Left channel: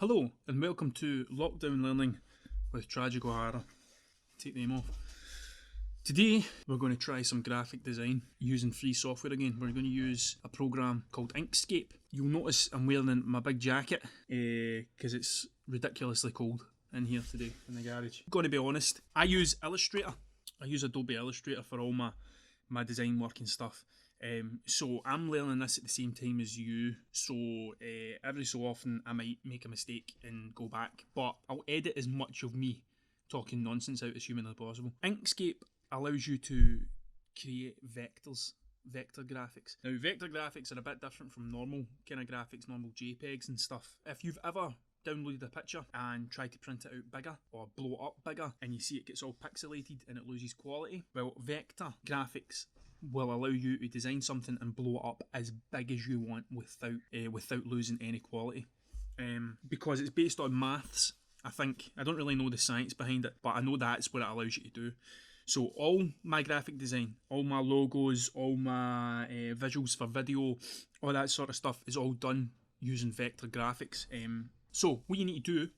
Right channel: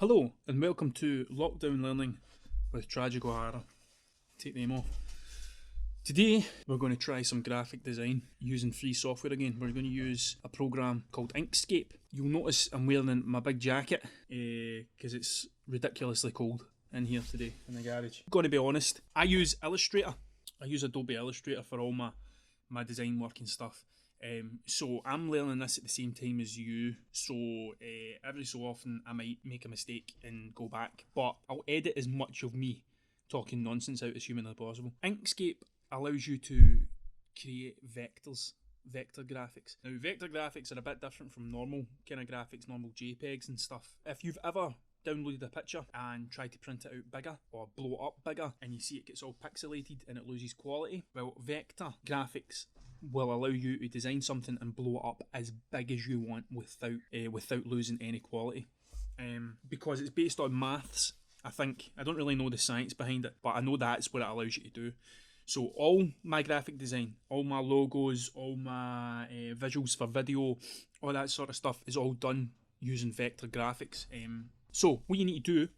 Hello and welcome to Lockdown Learning with Tragic O'Hara. Take the name off. Today we're going to try some graphic design using free software again. We're going to use a program called Inkscape. You'll notice I'm wearing my big jacket because it's ridiculously cold in here today in the garage. I'm going to be honest, I use Illustrator. I use Adobe Illustrator for all my design work and stuff. So I'm learning this at the same time as you, so every so often I might make a mistake and go back, but I'll edit as much of me talking nonsense out as humanly possible. Inkscape allows you to create vector graphics. Now vector graphics are a bit different from normal kind of graphics, normal JPEGs and stuff. If you've ever downloaded a picture and tried to print it out bigger or blow it up bigger and you see it gets all pixelated and it loses quality, well, vector graphics will allow you to design something and blow it up as big as you want without losing any quality. Because it's based on maths, I think. I don't really know the science behind it, but I know that's what it allows you to do. So all my graphic design, all my logos, all my visuals for video, all that sort of stuff is all done using vector graphics. So what you need to do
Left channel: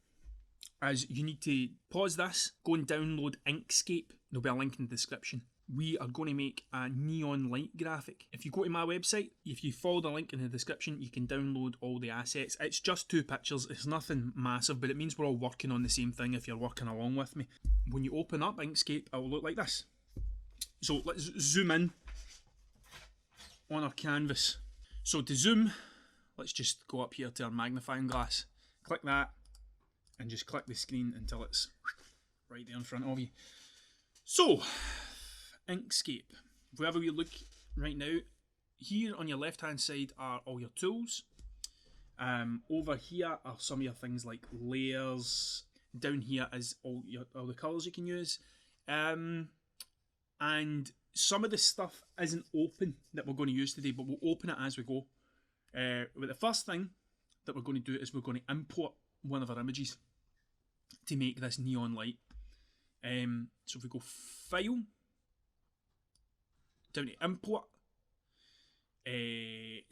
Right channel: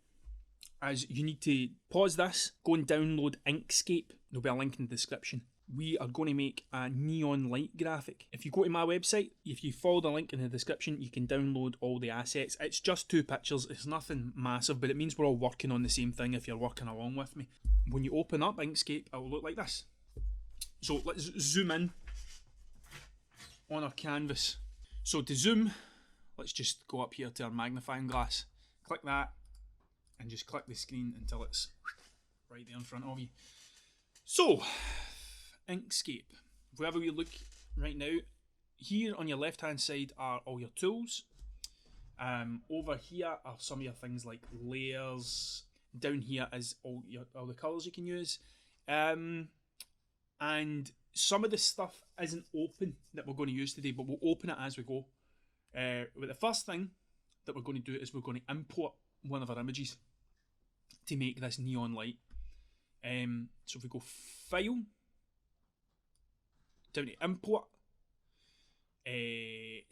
is you need to pause this, go and download Inkscape. There'll be a link in the description. We are going to make a neon light graphic. If you go to my website, if you follow the link in the description, you can download all the assets. It's just 2 pictures. It's nothing massive, but it means we're all working on the same thing if you're working along with me. When you open up Inkscape, it will look like this. So let's zoom in on our canvas. So to zoom, let's just go up here to our magnifying glass. Click that and just click the screen until it's right there in front of you. So, Inkscape. If we have a wee look right now, here on your left hand side are all your tools. Over here are some of your things like layers. Down here is all the colours you can use. And some of the stuff isn't open that we're going to use today, but we'll open it as we go. But the first thing that we're going to do is we're going to import one of our images to make this neon light. So if we go File, down to Import,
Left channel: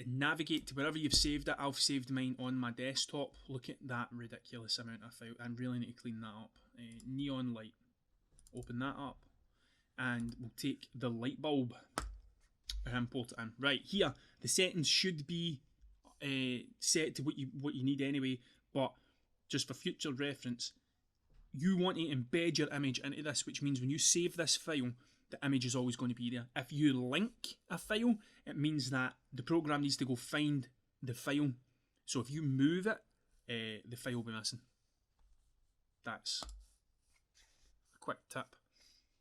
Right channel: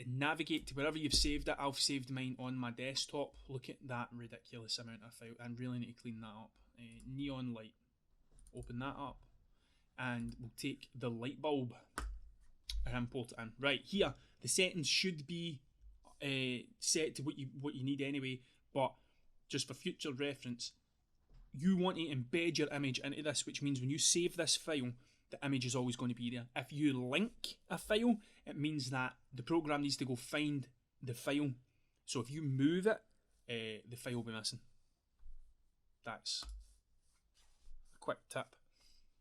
navigate to wherever you've saved it. I've saved mine on my desktop. Look at that ridiculous amount of file. I really need to clean that up. Neon light. Open that up. And we'll take the light bulb and import it in. Right, here, the settings should be set to what you need anyway, but just for future reference, you want to embed your image into this, which means when you save this file, the image is always going to be there. If you link a file, it means that the program needs to go find the file. So if you move it, the file will be missing. That's a quick tip.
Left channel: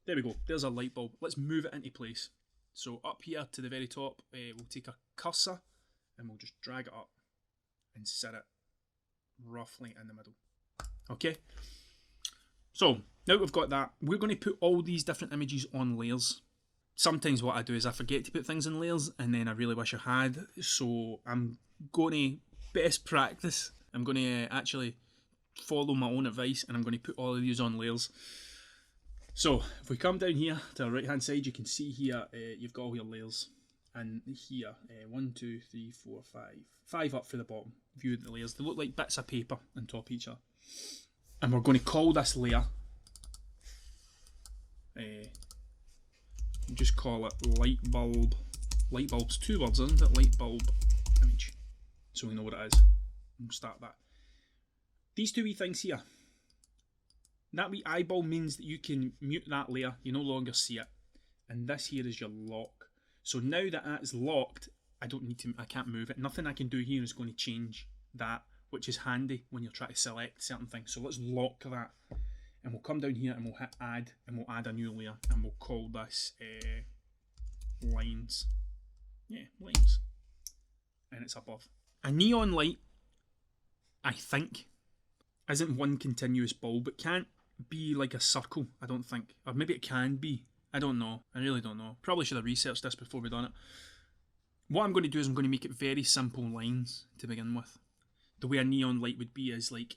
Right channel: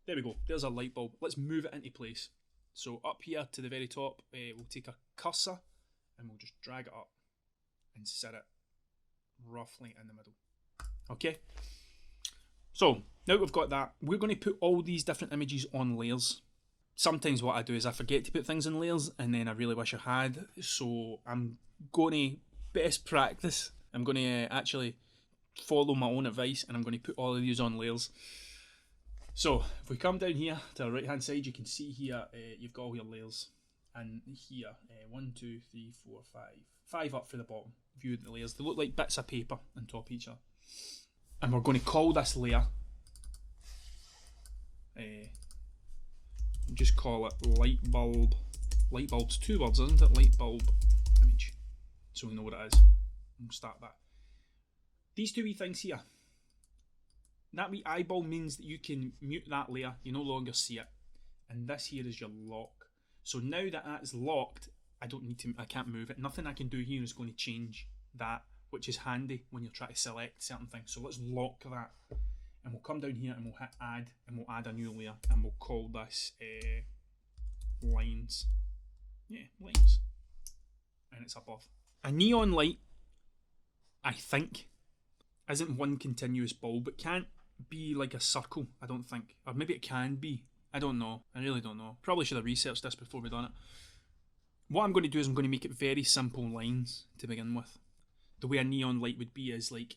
There we go. There's a light bulb. Let's move it into place. So up here to the very top, we'll take a cursor and we'll just drag it up and set it roughly in the middle. Okay? So, now we've got that, we're going to put all these different images on layers. Sometimes what I do is I forget to put things in layers and then I really wish I had. So I'm going to best practice. I'm going to actually follow my own advice and I'm going to put all of these on layers. So if we come down here to the right hand side, you can see here you've got all your layers. And here, 1, 2, 3, 4, 5. 5 up for the bottom. View the layers. They look like bits of paper on top of each other. And we're going to call this layer, just call it light bulb. Light bulb's 2 words, isn't it? Light bulb image. So we know what it is. We'll start that. These 2 wee things here. That wee eyeball means that you can mute that layer. You no longer see it. And this here is your lock. So now that that's locked, I can't move it. Nothing I can do here is going to change that, which is handy when you're trying to select certain things. So let's lock that. And we'll come down here and we'll hit add, and we'll add a new layer, and we'll call this lines. Yeah, lines. And it's above. A neon light, I think, isn't one continuous bulb. It can't be like a circle, I don't think. Or maybe it can be. I don't know. I really don't know. Probably should have researched this before we done it. What I'm going to do is I'm going to make it very simple lines to begin with. The way a neon light would be is like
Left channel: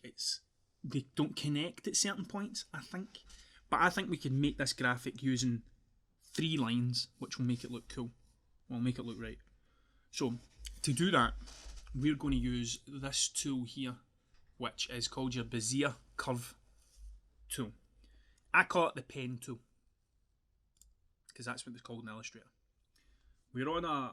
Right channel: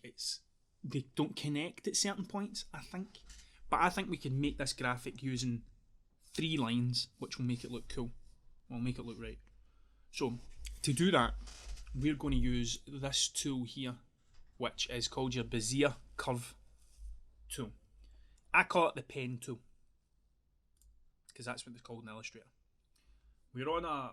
they don't connect at certain points, I think. But I think we can make this graphic using 3 lines, which will make it look cool. Will make it look right. So to do that, we're going to use this tool here, which is called your Bezier curve tool. I call it the pen tool because that's what it's called in Illustrator. We're on our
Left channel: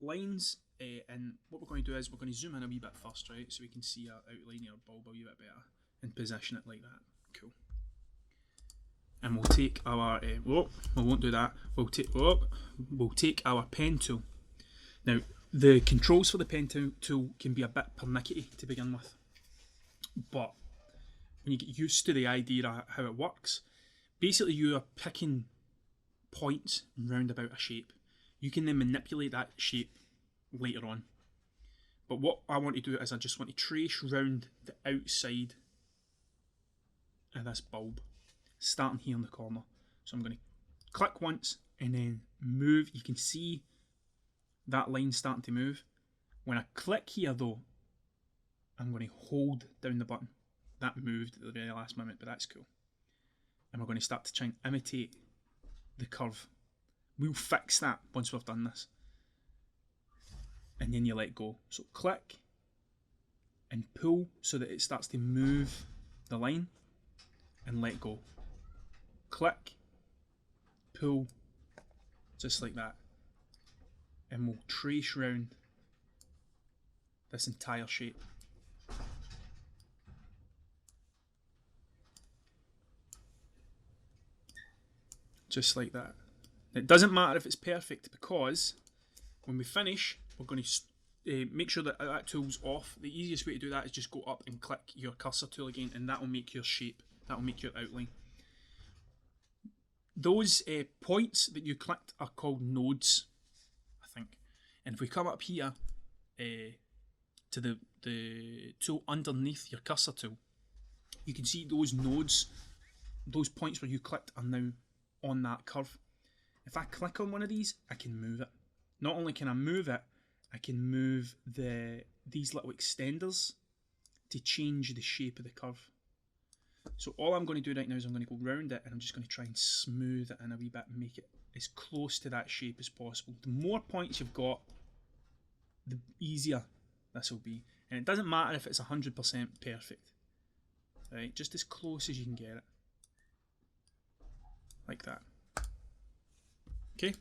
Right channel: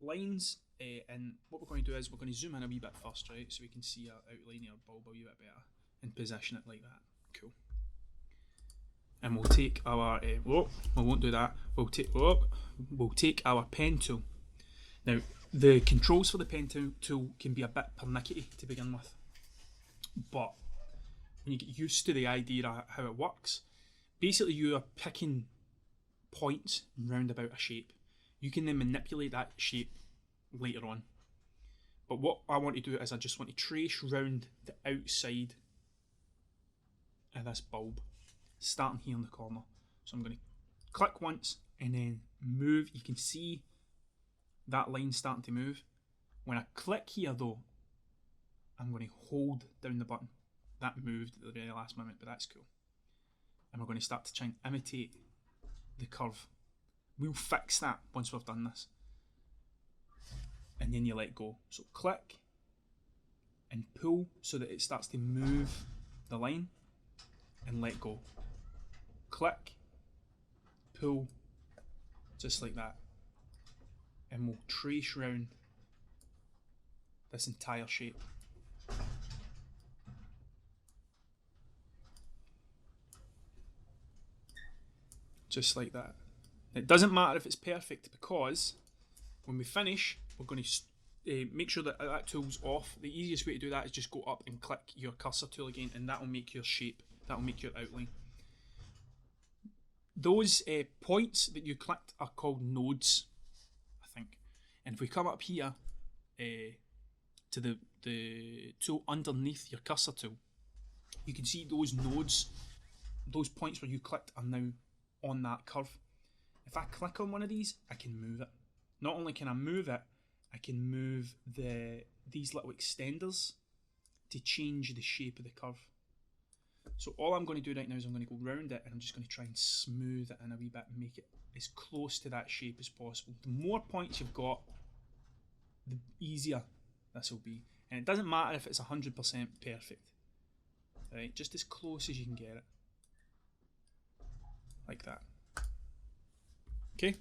lines, and what we're going to do is we're going to zoom in a wee bit first, right, so we can see our outline of our bulb a wee bit better and position it like that. Cool. And we'll take our we won't do that. We'll take our pen tool. Now the controls for the pen tool can be a bit pernickety to begin with, but when you get used to the idea of how it works, basically you are picking points round about a shape. You can then manipulate that shape later on. But what I want to do is I just want to trace round the outside of this bulb, starting here in the corner. So I'm going to click once and then move. You can see that line starting to move. When I click here though, I'm going to hold down the button. That moved at the very last moment, but that's cool. And we're going to start to try and imitate the curve. We'll fix that once we've done this. And then you let go. So click and pull so that it starts to move the line, and let go. Click, pull, just like that. And we'll trace round this entire shape. Just like that. It doesn't matter if it's perfect, because when we finish, we're going to make sure that that tool's off. The easiest way to do that is just go up and click your cursor tool again, and that will make your shape, that will make your outline. Those points that you clicked are called nodes, I think. And if we come up here to the tool underneath your cursor tool, you can see those nodes, those points where you clicked are now on that curve. If I click on one of these, I can move it. Not only can I move it, I can move these little extenders to change the shape of the curve. So all I'm going to do right now is I'm going to go round it, and I'm just going to try and smooth it in a wee bit and make it as close to that shape as possible. The more points you've got, the easier this will be. And it doesn't matter if it's 100% perfect. Right? Just as close as you can get it. Like that. Okay?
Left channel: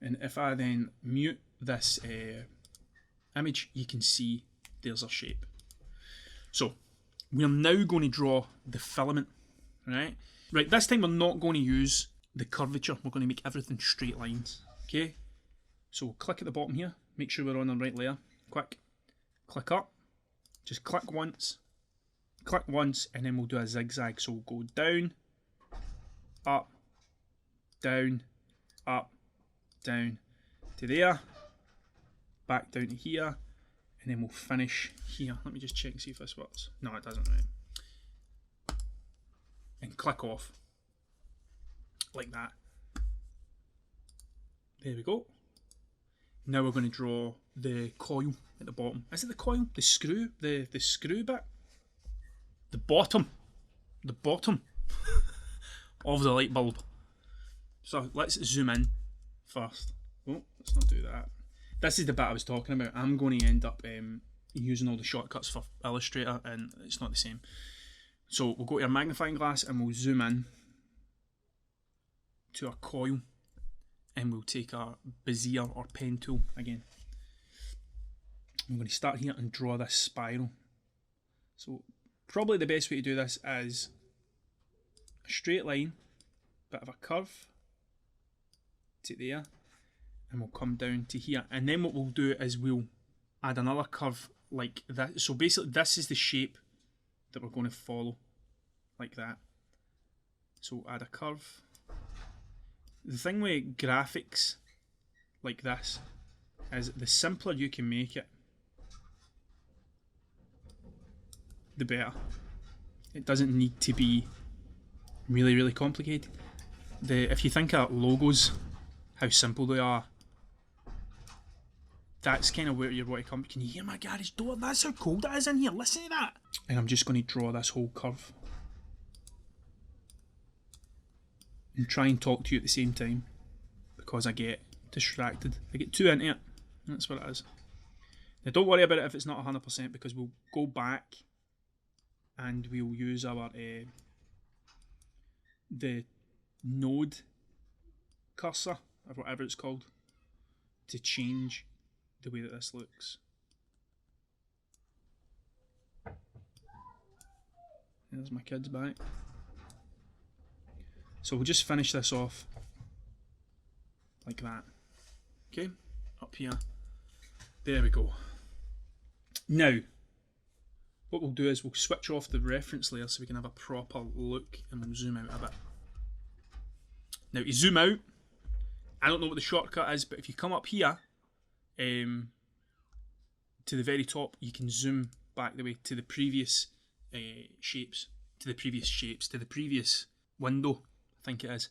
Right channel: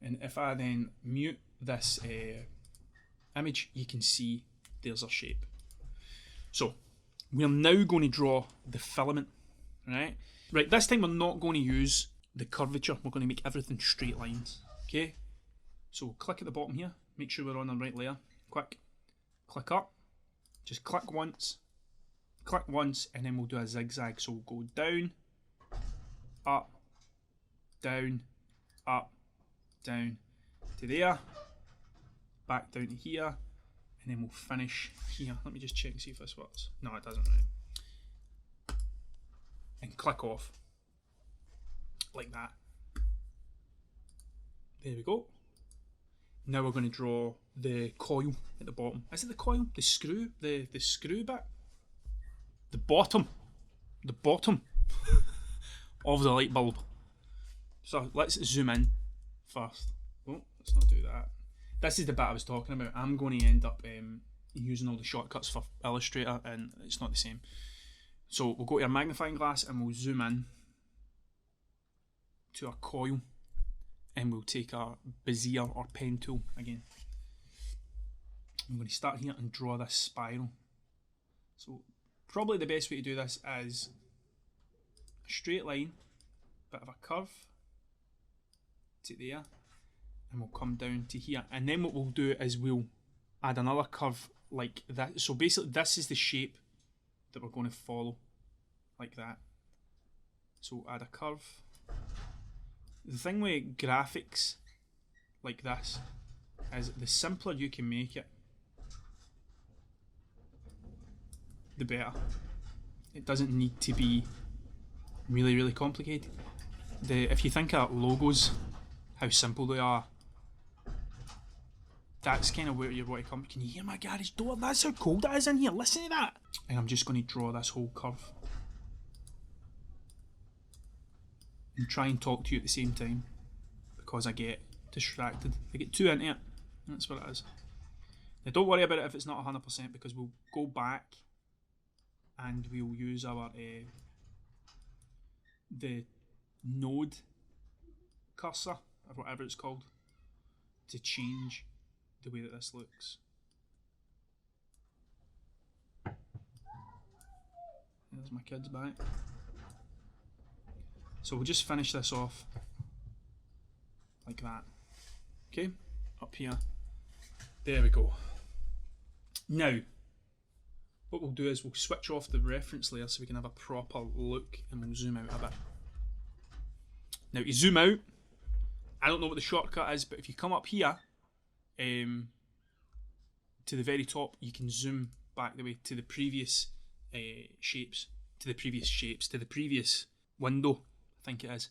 And if I then mute this image, you can see there's our shape. So we're now going to draw the filament, right? Right, this time we're not going to use the curvature. We're going to make everything straight lines, okay? So we'll click at the bottom here, make sure we're on the right layer. Click up, just click once, and then we'll do a zigzag. So we'll go down, up, down, to there, back down to here, and then we'll finish here. Let me just check and see if this works. No, it doesn't, right? And click off. Like that. There we go. Now we're going to draw the coil at the bottom. Is it the coil? The screw? The screw bit? The bottom of the light bulb. So let's zoom in first. Oh, let's not do that. This is the bit I was talking about. I'm going to end up using all the shortcuts for Illustrator, and it's not the same. So we'll go to our magnifying glass and we'll zoom in to our coil, and we'll take our Bezier or pen tool again. I'm going to start here and draw this spiral. So probably the best way to do this is a straight line, bit of a curve to there, and we'll come down to here. And then what we'll do is we'll add another curve like that. So basically this is the shape that we're going to follow, like that. So add a curve. The thing with graphics like this is the simpler you can make it, the better. It doesn't need to be really, really complicated. If you think of logos, how simple they are, that's kind of where you want to come. Can you hear my garage door? That's how cold it is in here. Listen to that. And I'm just going to draw this whole curve and try and talk to you at the same time, because I get distracted. I get too into it. That's what it is. Now don't worry about it if it's not 100% because we'll go back and we'll use our the node cursor or whatever it's called to change the way that this looks. There's my kids back. So we'll just finish this off like that. Okay, up here. There we go. Now, what we'll do is we'll switch off the reference layer so we can have a proper look, and we'll zoom out a bit. Now to zoom out, I don't know what the shortcut is, but if you come up here to the very top, you can zoom back the way to the previous shapes, to the previous window, I think it is.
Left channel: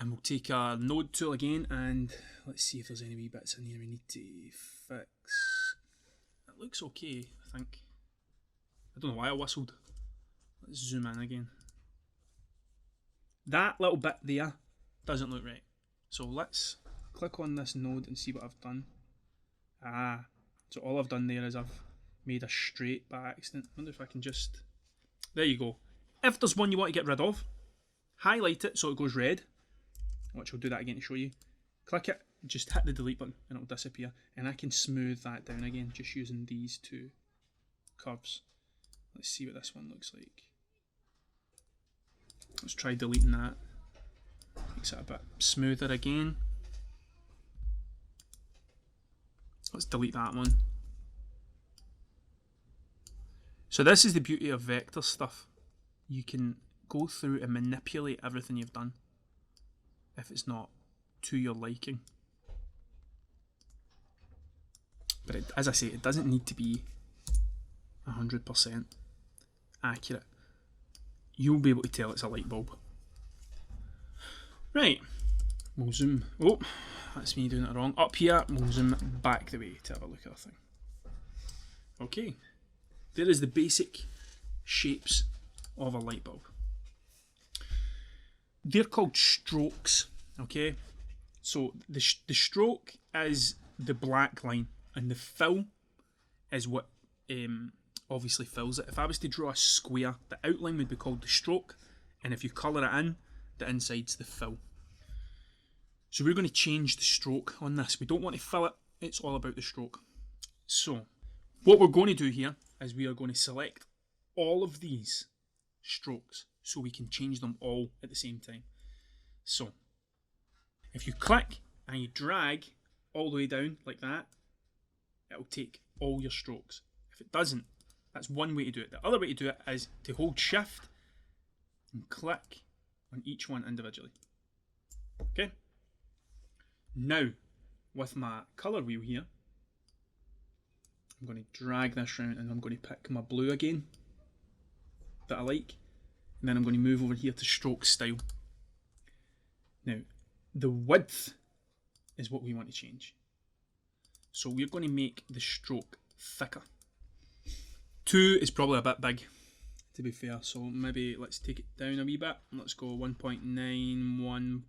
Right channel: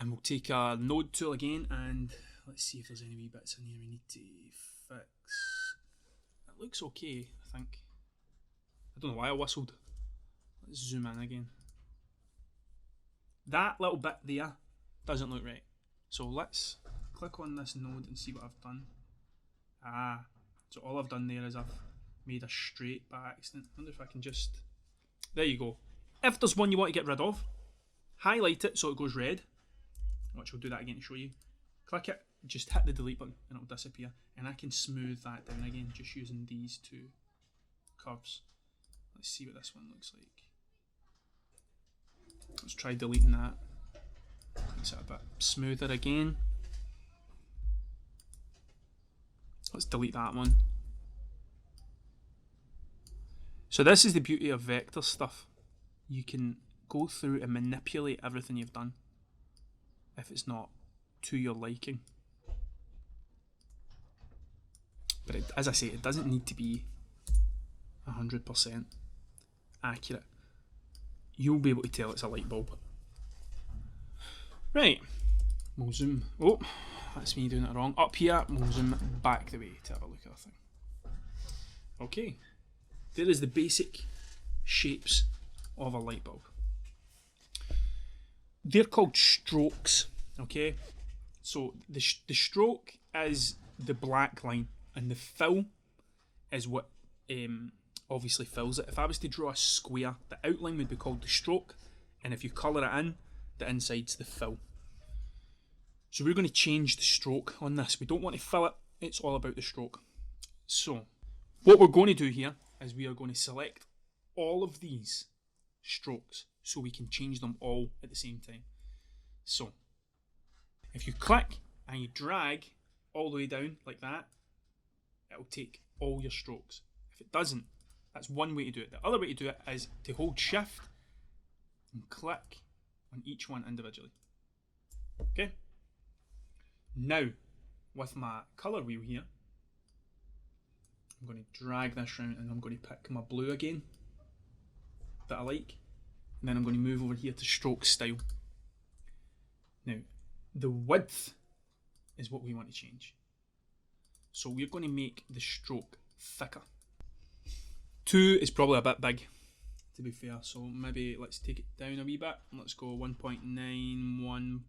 And we'll take our node tool again, and let's see if there's any wee bits in here we need to fix. It looks okay, I think. I don't know why I whistled. Let's zoom in again. That little bit there doesn't look right. So let's click on this node and see what I've done. So all I've done there is I've made a straight by accident. I wonder if I can just... There you go. If there's one you want to get rid of, highlight it so it goes red. Which I'll do that again to show you. Click it, just hit the delete button and it'll disappear. And I can smooth that down again just using these two curves. Let's see what this one looks like. Let's try deleting that. Makes it a bit smoother again. Let's delete that one. So this is the beauty of vector stuff. You can go through and manipulate everything you've done if it's not to your liking. But as I say, it doesn't need to be 100% accurate. You'll be able to tell it's a light bulb. Right, we'll zoom. Oh, that's me doing it wrong. Up here, we'll zoom back the way to have a look at our thing. Okay, there is the basic shapes of a light bulb. They're called strokes, okay? So the stroke is the black line, and the fill is what obviously fills it. If I was to draw a square, the outline would be called the stroke, and if you colour it in, the inside's the fill. So we're going to change the stroke on this. We don't want to fill it, it's all about the stroke. So what we're going to do here is we are going to select all of these strokes so we can change them all at the same time. So if you click and you drag all the way down like that, it'll take all your strokes. If it doesn't, that's one way to do it. The other way to do it is to hold shift and click on each one individually. Okay? Now, with my colour wheel here, I'm going to drag this round and I'm going to pick my blue again that I like. And then I'm going to move over here to stroke style. Now, the width is what we want to change. So we're going to make the stroke thicker. 2 is probably a bit big, to be fair. So maybe let's take it down a wee bit. Let's go 1.9,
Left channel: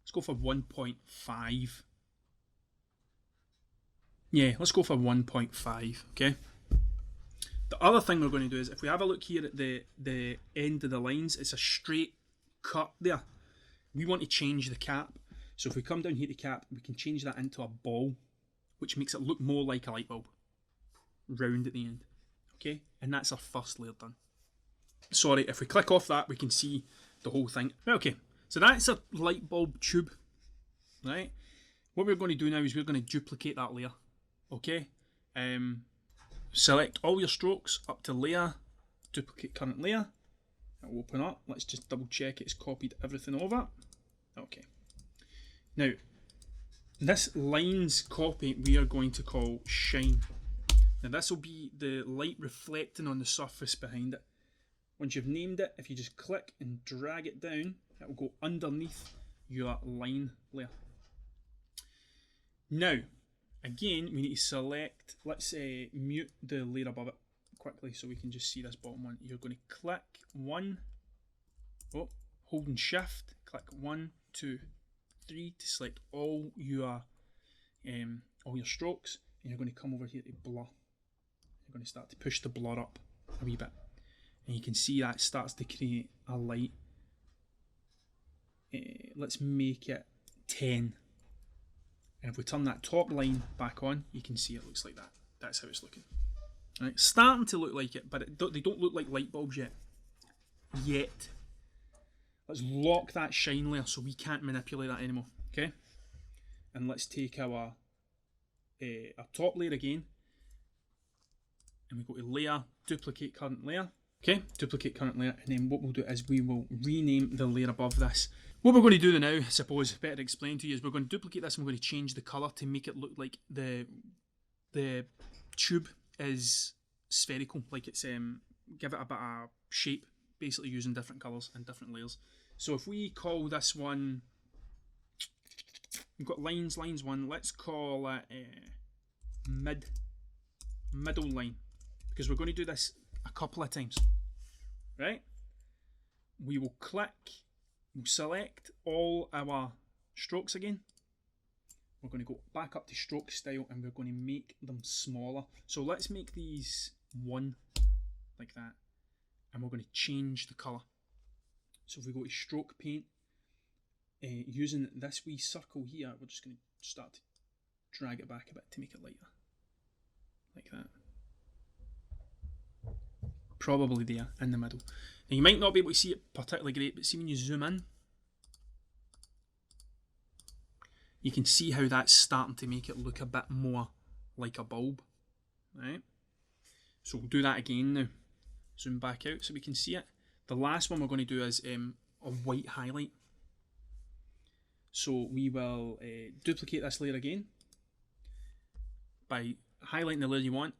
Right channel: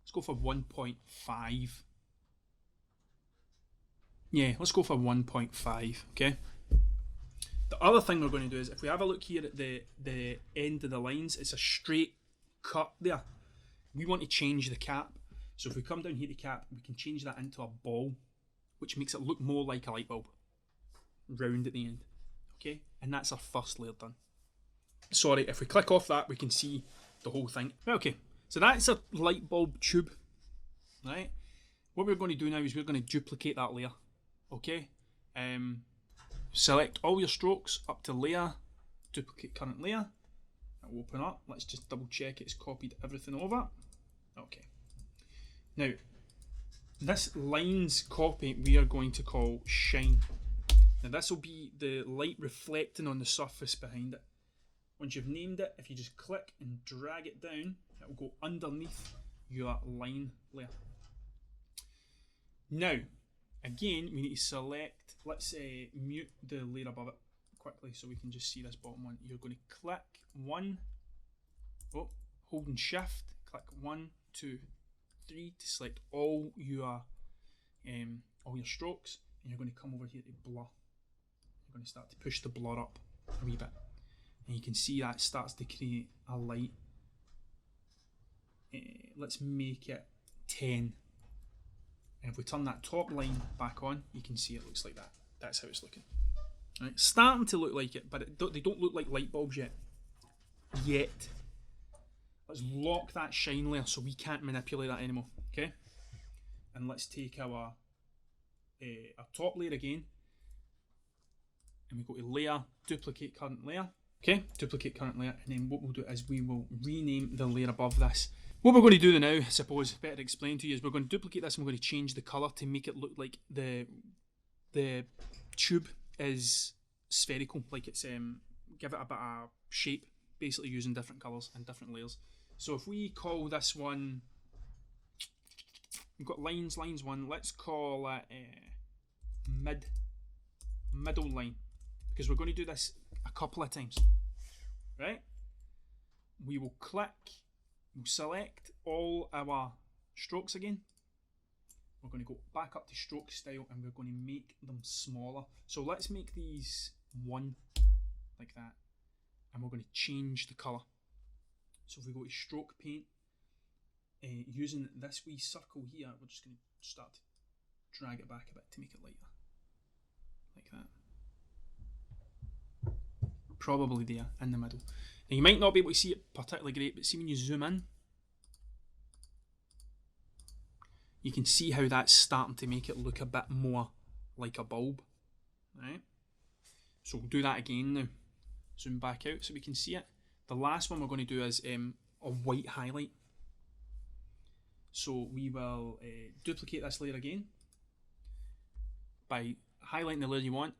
let's go for 1.5. Yeah, let's go for 1.5, okay? The other thing we're going to do is, if we have a look here at the end of the lines, it's a straight cut there. We want to change the cap. So if we come down here to cap, we can change that into a ball, which makes it look more like a light bulb. Round at the end. Okay? And that's our first layer done. Sorry, if we click off that, we can see the whole thing. Okay, so that's a light bulb tube. Right? What we're going to do now is we're going to duplicate that layer. Okay? Select all your strokes up to layer, duplicate current layer. It'll open up. Let's just double check it's copied everything over. Okay. Now, this lines copy we are going to call shine. Now this will be the light reflecting on the surface behind it. Once you've named it, if you just click and drag it down, it will go underneath your line layer. Now, again, we need to select, let's mute the layer above it quickly so we can just see this bottom one. You're going to click one, holding shift, click 1, 2, 3 to select all your all your strokes, and you're going to come over here to blur. You're going to start to push the blur up a wee bit, and you can see that starts to create a light. Let's make it 10, and if we turn that top line back on, you can see it looks like that. That's how it's looking. Right, starting to look like it, but they don't look like light bulbs yet. Let's lock that shine layer so we can't manipulate that anymore. Okay, and let's take our top layer again, and we go to layer, duplicate current layer. Okay, duplicate current layer, and then what we'll do is we will rename the layer above this. What we're going to do now, I suppose, better to explain to you, is we're going to duplicate this and we're going to change the colour to make it look like the tube is spherical, like it's give it a bit of shape, basically using different colours and different layers. So if we call this one, we've got lines 1, let's call it middle line, because we're going to do this a couple of times, right? We will click, we'll select all our strokes again. We're going to go back up to stroke style and we're going to make them smaller. So let's make these 1 like that, and we're going to change the colour. So if we go to stroke paint, using this wee circle here, we're just going to start to drag it back a bit to make it lighter, like that. Probably there in the middle. Now you might not be able to see it particularly great, but see when you zoom in, you can see how that's starting to make it look a bit more like a bulb, right? So we'll do that again now. Zoom back out so we can see it. The last one we're going to do is a white highlight. So we will duplicate this layer again. By highlighting the layer you want,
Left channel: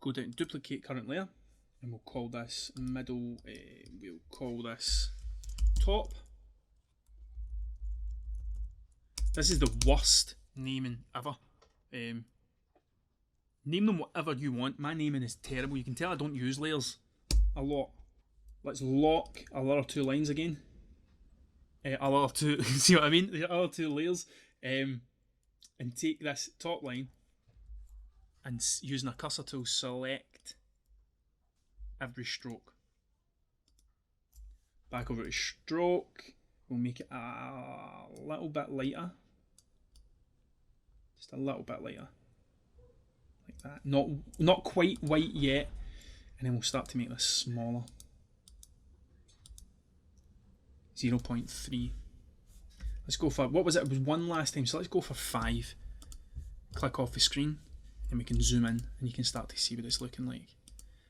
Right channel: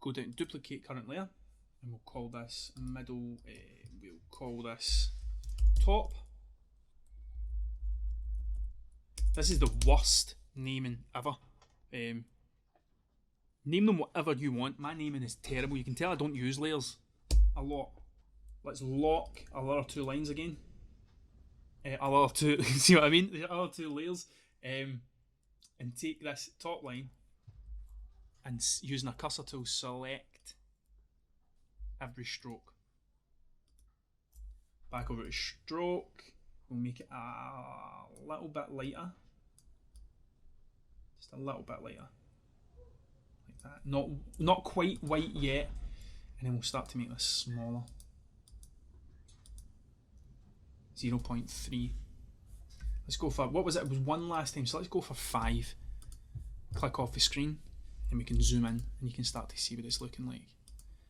go down to duplicate current layer, and we'll call this middle, we'll call this top. This is the worst naming ever. Name them whatever you want. My naming is terrible. You can tell I don't use layers a lot. Let's lock our other 2 lines again. Our other 2, see what I mean? The other 2 layers. And take this top line and using a cursor tool, select every stroke. Back over to stroke. We'll make it a little bit lighter. Just a little bit lighter. Like that. Not quite white yet. And then we'll start to make this smaller. 0.3. Let's go for, what was it? It was 1 last time, so let's go for 5. Click off the screen, and we can zoom in, and you can start to see what it's looking like.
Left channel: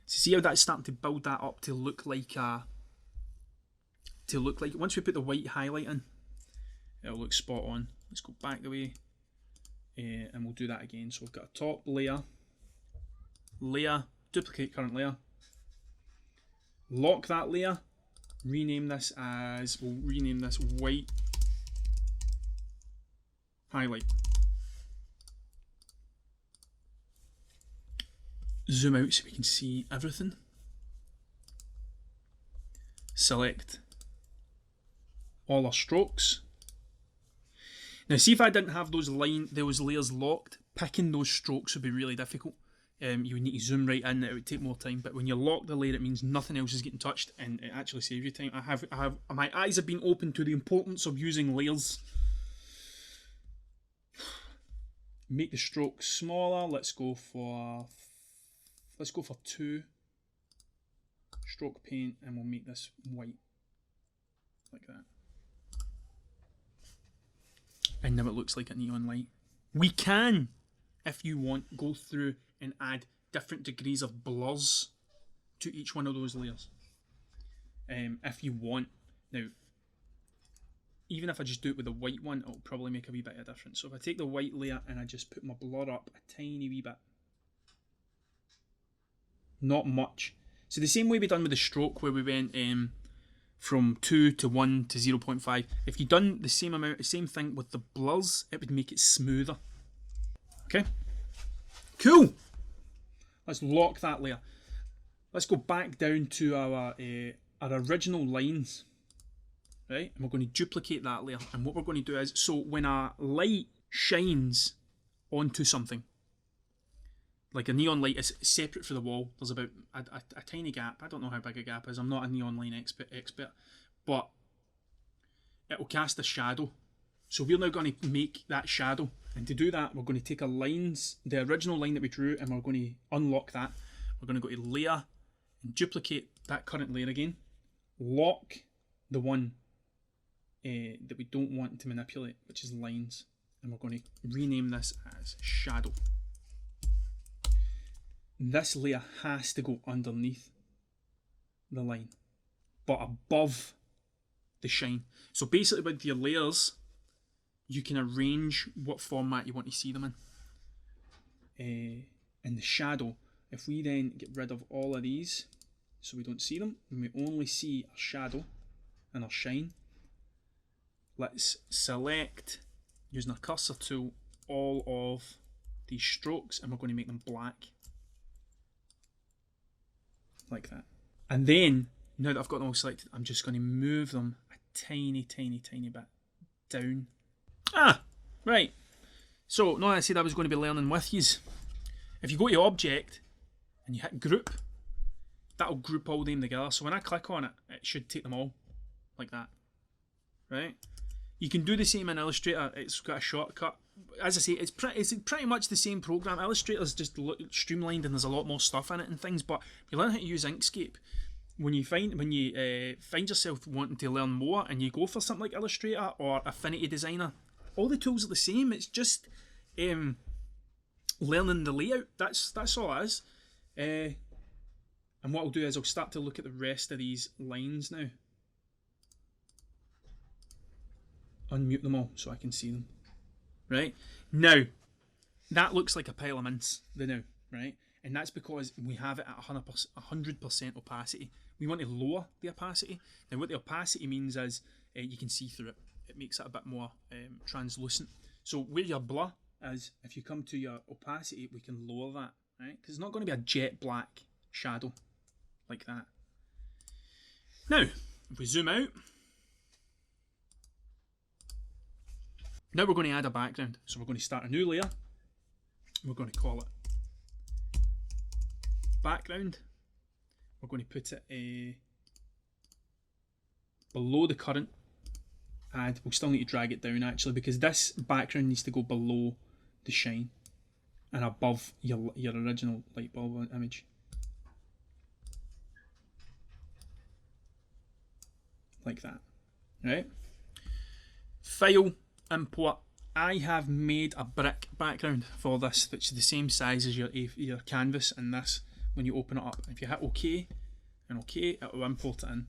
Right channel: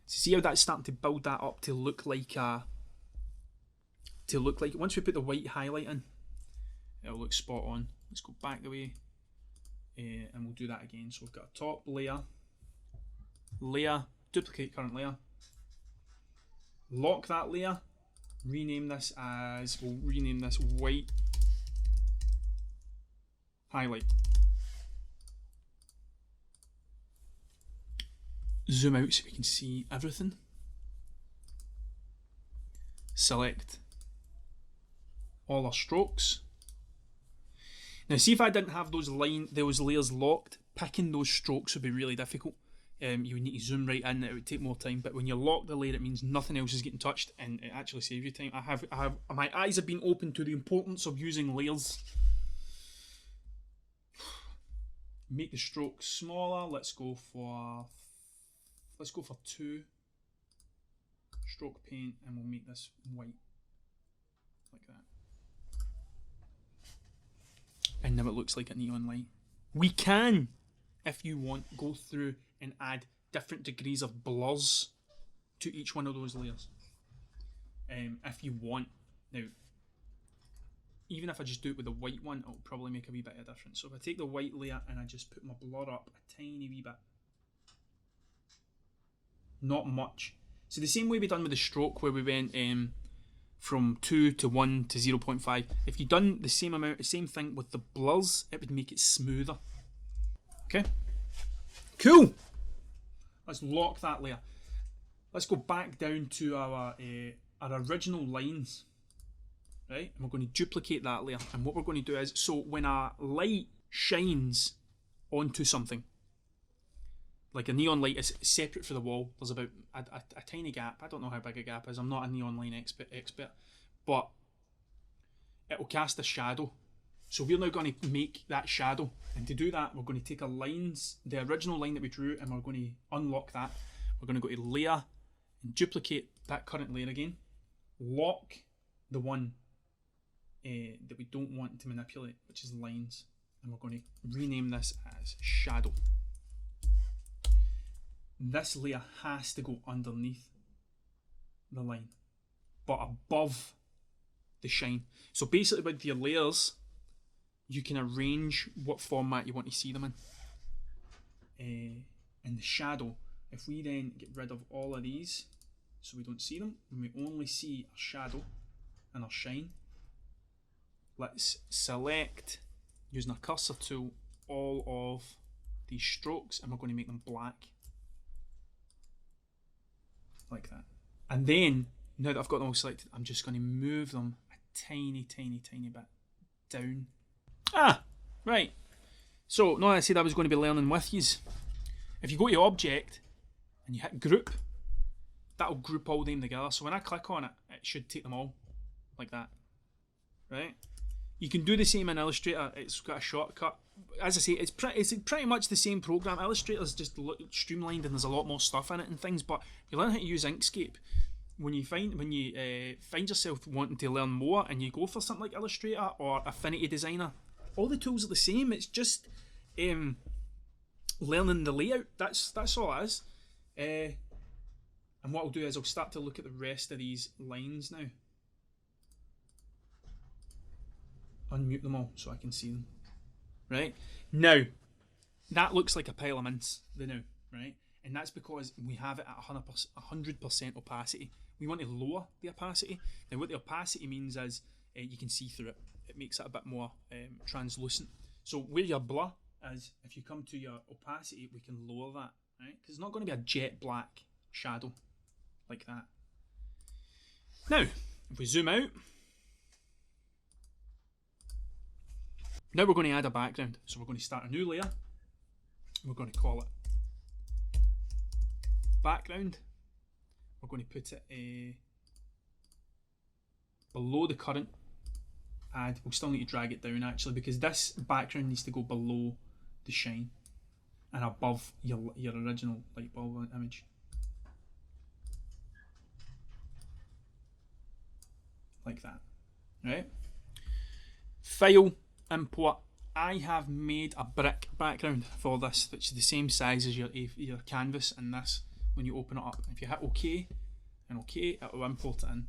So see how that's starting to build that up to look like once we put the white highlight in, it'll look spot on. Let's go back the way, and we'll do that again. So we've got a top layer, duplicate current layer, lock that layer, rename this as, we'll rename this white highlight. Zoom out so we can see everything. Select all our strokes. Now see, if I didn't have those layers locked, picking those strokes would be really difficult. You would need to zoom right in, it would take more time, but when you lock the layer it means nothing else is getting touched, and it actually saves you time. My eyes have been opened to the importance of using layers. Make the strokes smaller. Let's go for 2. Stroke paint, and we'll make this white like that. And now it looks like a neon light. We can, if you want, go through and add different degrees of blurs to each one of those layers. If you want. Now, even if I just do it with the white one, it'll probably make a wee bit of a difference. So if I take the white layer and I just put my blur up a tiny wee bit. Not much. So the same way we done with the stroke, where we went from 2 to 1 to 0.5. If you done the same thing with the blurs, it would make it smoother. Okay, cool. Let's lock that layer. Let's go back down to our original lines, right? And we're going to duplicate that layer. And what we're going to do is, so when a light shines onto something. Like a neon light is separate for the wall. There's about a tiny gap. I don't know how big a gap is. I'm not a neon line expert, but it will cast a shadow. So we're now going to make that shadow. And to do that, we're going to take the original line that we drew, and we're going to unlock that. We're going to go to layer and duplicate that current layer again. Lock the one that we don't want to manipulate, which is lines. And we're going to rename this as shadow. This layer has to go underneath the line, but above the shine. So basically with your layers, you can arrange what format you want to see them in. And the shadow, if we then get rid of all of these so we don't see them, and we only see our shadow and our shine, let's select, using our cursor tool, all of these strokes, and we're going to make them black. Like that. And then, now that I've got them all selected, I'm just going to move them a tiny bit down. Right. So, now I said I was going to be learning with yous. If you go to Object and you hit Group, that'll group all them together. So when I click on it, it should take them all like that. Right? You can do the same in Illustrator. It's got a shortcut. As I say, it's pretty much the same program. Illustrator's just streamlined and there's a lot more stuff in it and things. But if you learn how to use Inkscape, when you find yourself wanting to learn more and you go for something like Illustrator or Affinity Designer, all the tools are the same. It's just learning the layout. That's all it is. And what I'll do is I'll start to look at the rest of these lines now. Unmute them all so I can see them. Right? Now, that looks like a pile of mince, right? And that's because we have it at 100% opacity. We want to lower the opacity. Now, what the opacity means is you can see through it. It makes it a bit more translucent. So where your blur is, if you come to your opacity, we can lower that, right? Because it's not going to be a jet black shadow like that. Now, if we zoom out, now we're going to add a background. So we're going to start a new layer. We're going to call it background. We're going to put it below the current. And we'll still need to drag it down actually, because this background needs to go below the shine and above your original light bulb image. Like that. Right? File, import. I have made a brick background for this, which is the same size as your canvas in this when you open it up. If you hit OK and OK, it will import it in.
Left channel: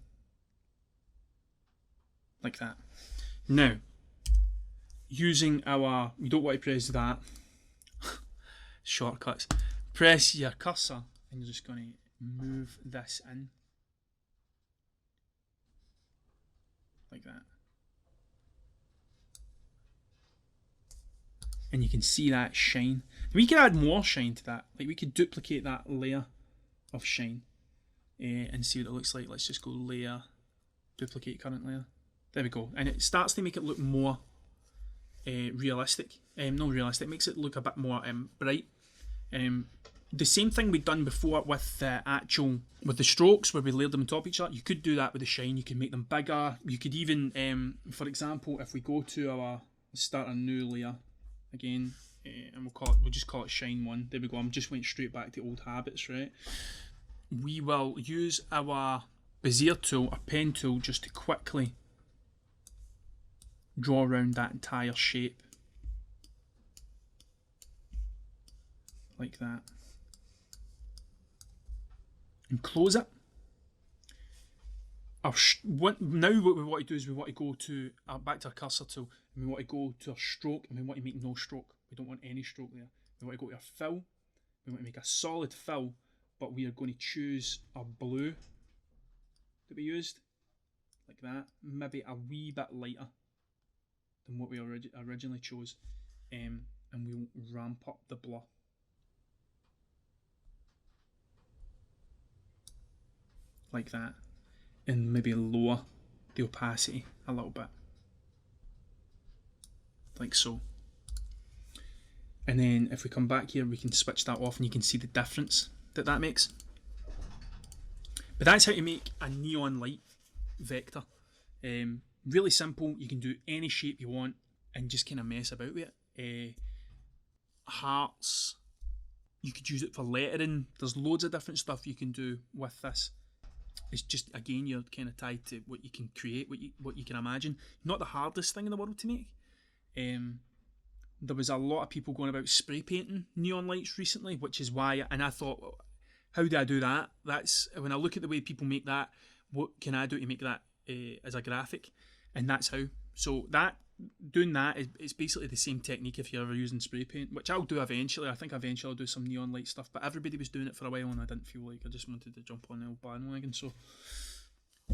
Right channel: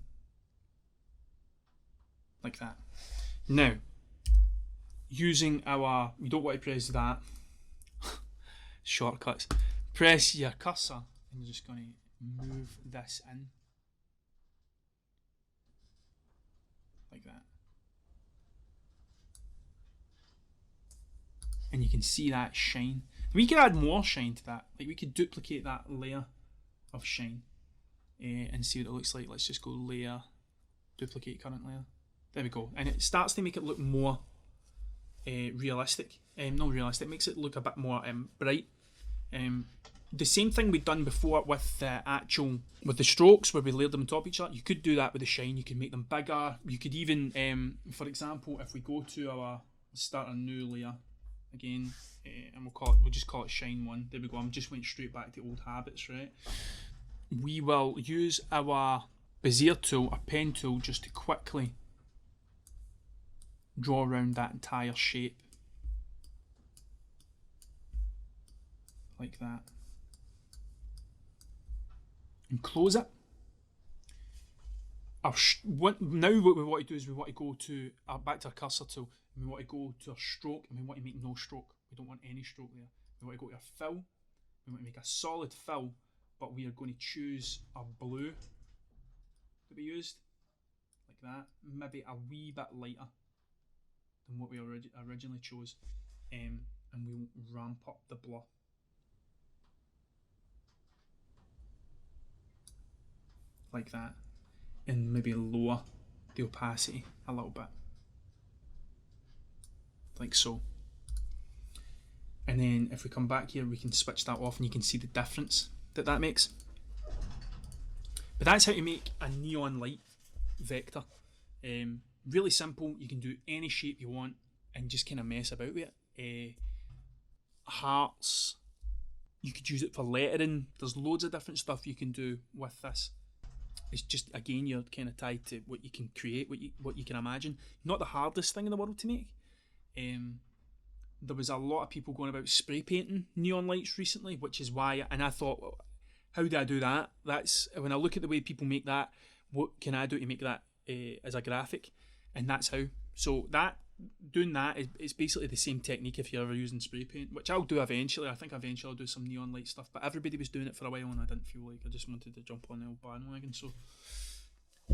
Like that. Now, using our, you don't want to press that, shortcuts, press your cursor and you're just going to move this in. Like that. And you can see that shine. We could add more shine to that. Like we could duplicate that layer of shine and see what it looks like. Let's just go layer, duplicate current layer. There we go. And it starts to make it look more realistic. Not realistic, it makes it look a bit more bright. The same thing we'd done before with the strokes where we layered them on top of each other. You could do that with the shine. You could make them bigger. You could even, for example, if we go to our, start a new layer again, and we'll just call it shine 1. There we go. I'm just went straight back to old habits, right? We will use our Bezier tool, our pen tool, just to quickly draw around that entire shape. Like that. And close it. Now what we want to do is we want to go to back to our cursor tool, and we want to go to our stroke, and we want to make no stroke. We don't want any stroke there. We want to go to our fill. We want to make a solid fill, but we are going to choose our blue that we used, like that. Maybe a wee bit lighter than what we originally chose, and we'll ramp up the blur. Like that. And maybe lower the opacity a little bit. Like so. And then if we come back here, we can switch that off and you can see the difference that makes. But that's how to make a neon light vector. Really simple. You can do any shape you want and just kind of mess about with it. Hearts. You could use it for lettering. There's loads of different stuff you can do with this. It's just, again, you're kind of tied to what you can create, what you can imagine. Not the hardest thing in the world to make. There was a lot of people going about spray painting neon lights recently, which is why, and I thought, well, how do I do that? That's when I look at the way people make that, what can I do to make that as a graphic? And that's how. So doing that is basically the same technique if you're ever using spray paint, which I'll do eventually. I think eventually I'll do some neon light stuff, but everybody was doing it for a while and I didn't feel like I just wanted to jump on the old bandwagon. So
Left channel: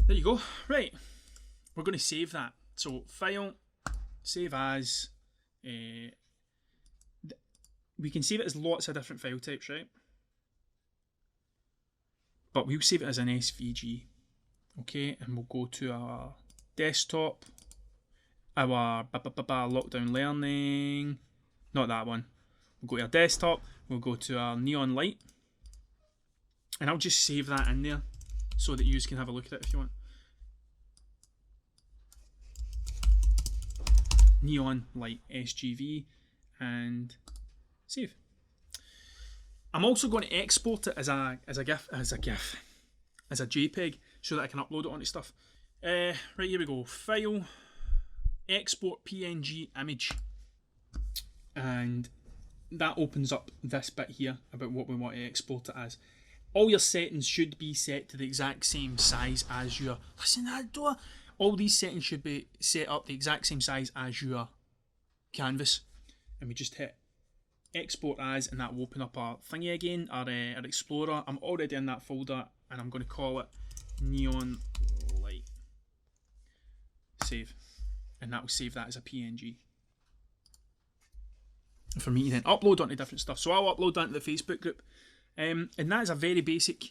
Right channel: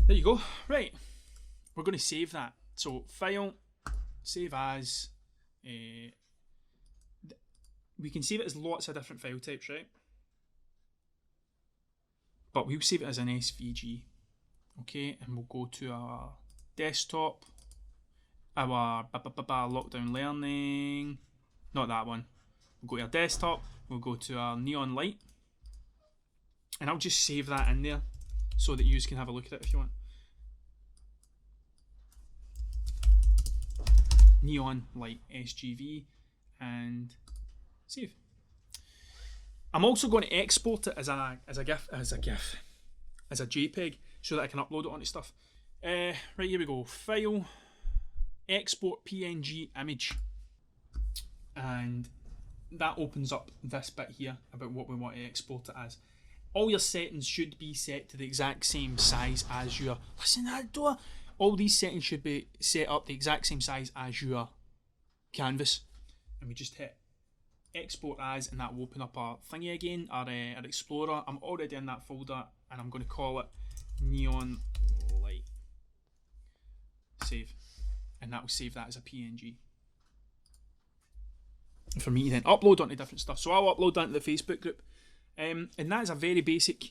there you go. Right, we're going to save that. So file, save as. We can save it as lots of different file types, right? But we'll save it as an SVG. Okay, and we'll go to our desktop, our lockdown learning, not that one. We'll go to our desktop, we'll go to our neon light, and I'll just save that in there so that you can have a look at it if you want. Neon light SGV and save. I'm also going to export it as a JPEG so that I can upload it onto stuff. Right, here we go. File, export PNG image, and that opens up this bit here about what we want to export it as. All your settings should be set to the exact same size as your. Listen to that door. All these settings should be set up the exact same size as your canvas, and we just hit export as, and that will open up our thingy again, our explorer. I'm already in that folder, and I'm going to call it neon light. Save, and that will save that as a PNG for me to then upload onto different stuff. So I'll upload that to the Facebook group, and that is a very basic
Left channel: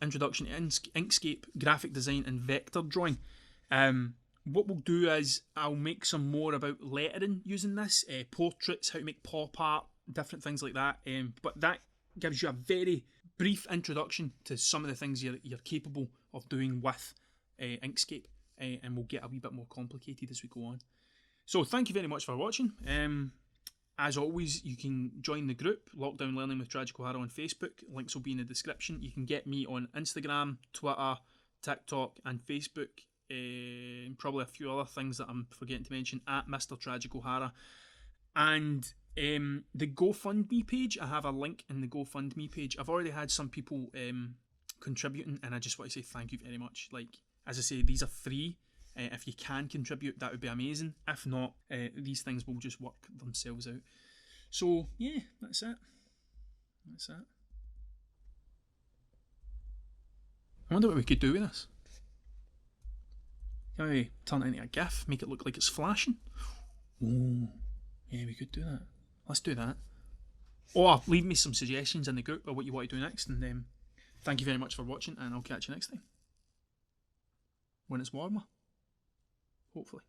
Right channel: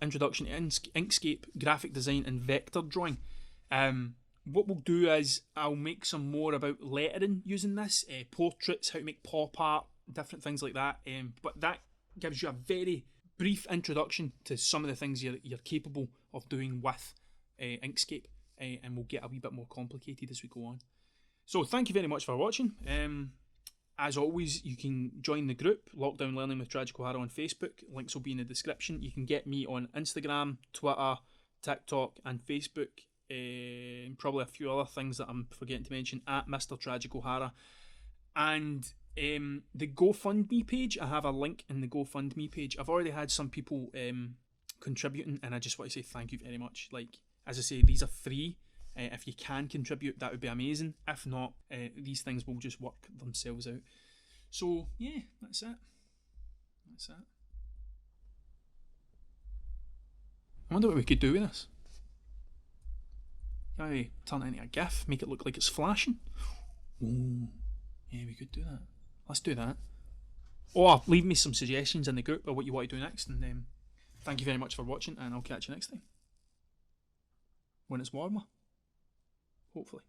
introduction to Inkscape graphic design and vector drawing. What we'll do is I'll make some more about lettering using this, portraits, how to make pop art, different things like that. But that gives you a very brief introduction to some of the things you're capable of doing with Inkscape, and we'll get a wee bit more complicated as we go on. So thank you very much for watching. As always, you can join the group, Lockdown Learning with Tragic O'Hara on Facebook. Links will be in the description. You can get me on Instagram, Twitter, TikTok and Facebook. And probably a few other things that I'm forgetting to mention, at Mr. Tragic O'Hara. And the GoFundMe page, I have a link in the GoFundMe page. I've already had some people contributing, and I just want to say thank you very much. Like, as I say, these are free. If you can contribute, that would be amazing. If not, these things will just work themselves out. So, yeah, that's it. That's it. I wonder what we could do with this. Can we turn it into a GIF, make it look like it's flashing? Oh, yeah, we could do that. Let's do that. Or leave me some suggestions in the group of what you want to do next. And thank you very much for watching, and I'll catch you next time. When it's warmer. Hopefully.